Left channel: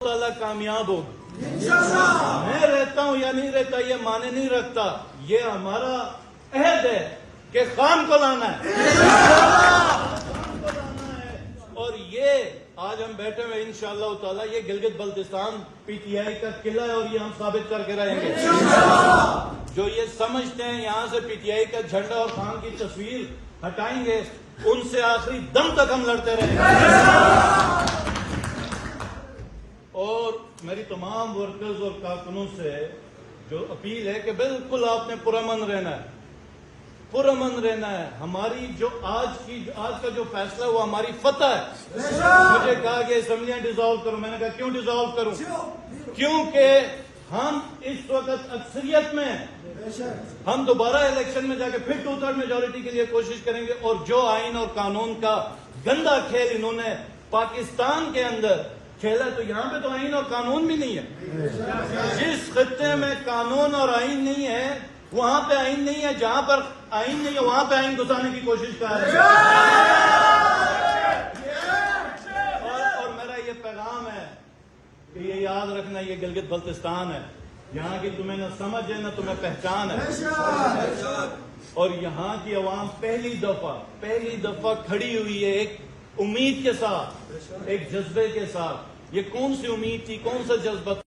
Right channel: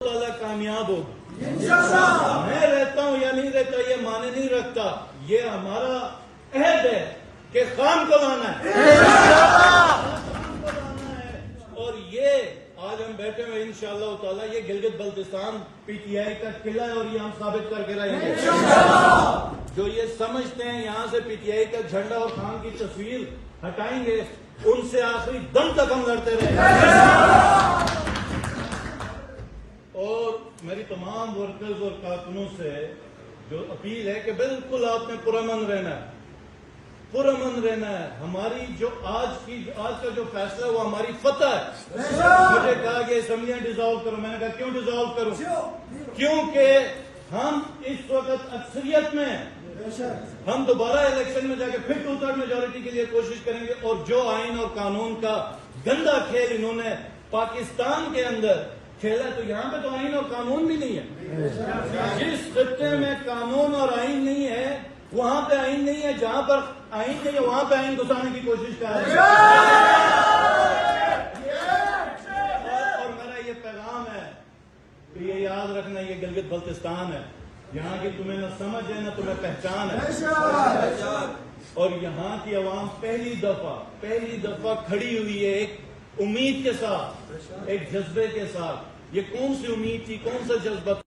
تعالیٰ کامیاب ہو۔ میں رہتا ہوں یا نہیں رہتا یہ معنی نہیں رکھتا، یہ ہمارا عہد ہے کہ خام کو لانا ہے، اور یہ آج ہم بیٹھے ہوئے انشاءاللہ تعالیٰ یہ Gilgit Baltistan P T I کا قلعہ ہے، اور یہ ہم ثابت کر کے رہیں گے۔ جو یہ سمجھتے ہیں یہاں سے پی ٹی آئی کا جھنڈا اور خان کی تصویر ہٹائیں گے، ان سے آخری دم تک ہم لڑتے رہیں گے۔ اور میری تمام ورکرز اور کارکنوں سے جو اپیل ہے کہ بالکل آپ نے پرامن رہنا ہے، پرامن رہنا ہے۔ ہماری جو آج کا جو فیصلہ ہوا ہماری فتح ہے۔ مجھے کہا کہ اسمبلیاں ڈیزالو کرو، میں نے کہا کیوں ڈیزالو کروں؟ کیونکہ ہم اس وقت اکثریت میں ہیں، ہم دوبارہ الیکشن میں جا کے پھر 2/3 میجورٹی کے لیے کوشش کریں گے، اور جو آئین اور قانون کا گندا کھیل انہوں نے پاکستان کے اندر کھیلا، تو یہاں پہ تو آئین اور قانون بھی نہیں ہے۔ جس خطے میں قانون اور آئین نہیں ہے وہاں پہ آئین نہیں ہے، جہاں پر آئین نہیں ہے وہاں پہ آئین گھسانے کی کوشش کر رہے ہیں۔ اور میرا یہ پیغام ہے کہ یہ یاد رکھنا، یہ گلگت بلتستان ہے، یہاں کی تمہیں نہ سمجھ ہے نہ تمہیں پہچان ہے، اور یہاں کی عوام پہلی دفعہ کھڑی ہوئی ہے ایک امید کے ساتھ، ایک جذبے کے ساتھ۔ یہ کون سی امید تھی، کون سا جذبہ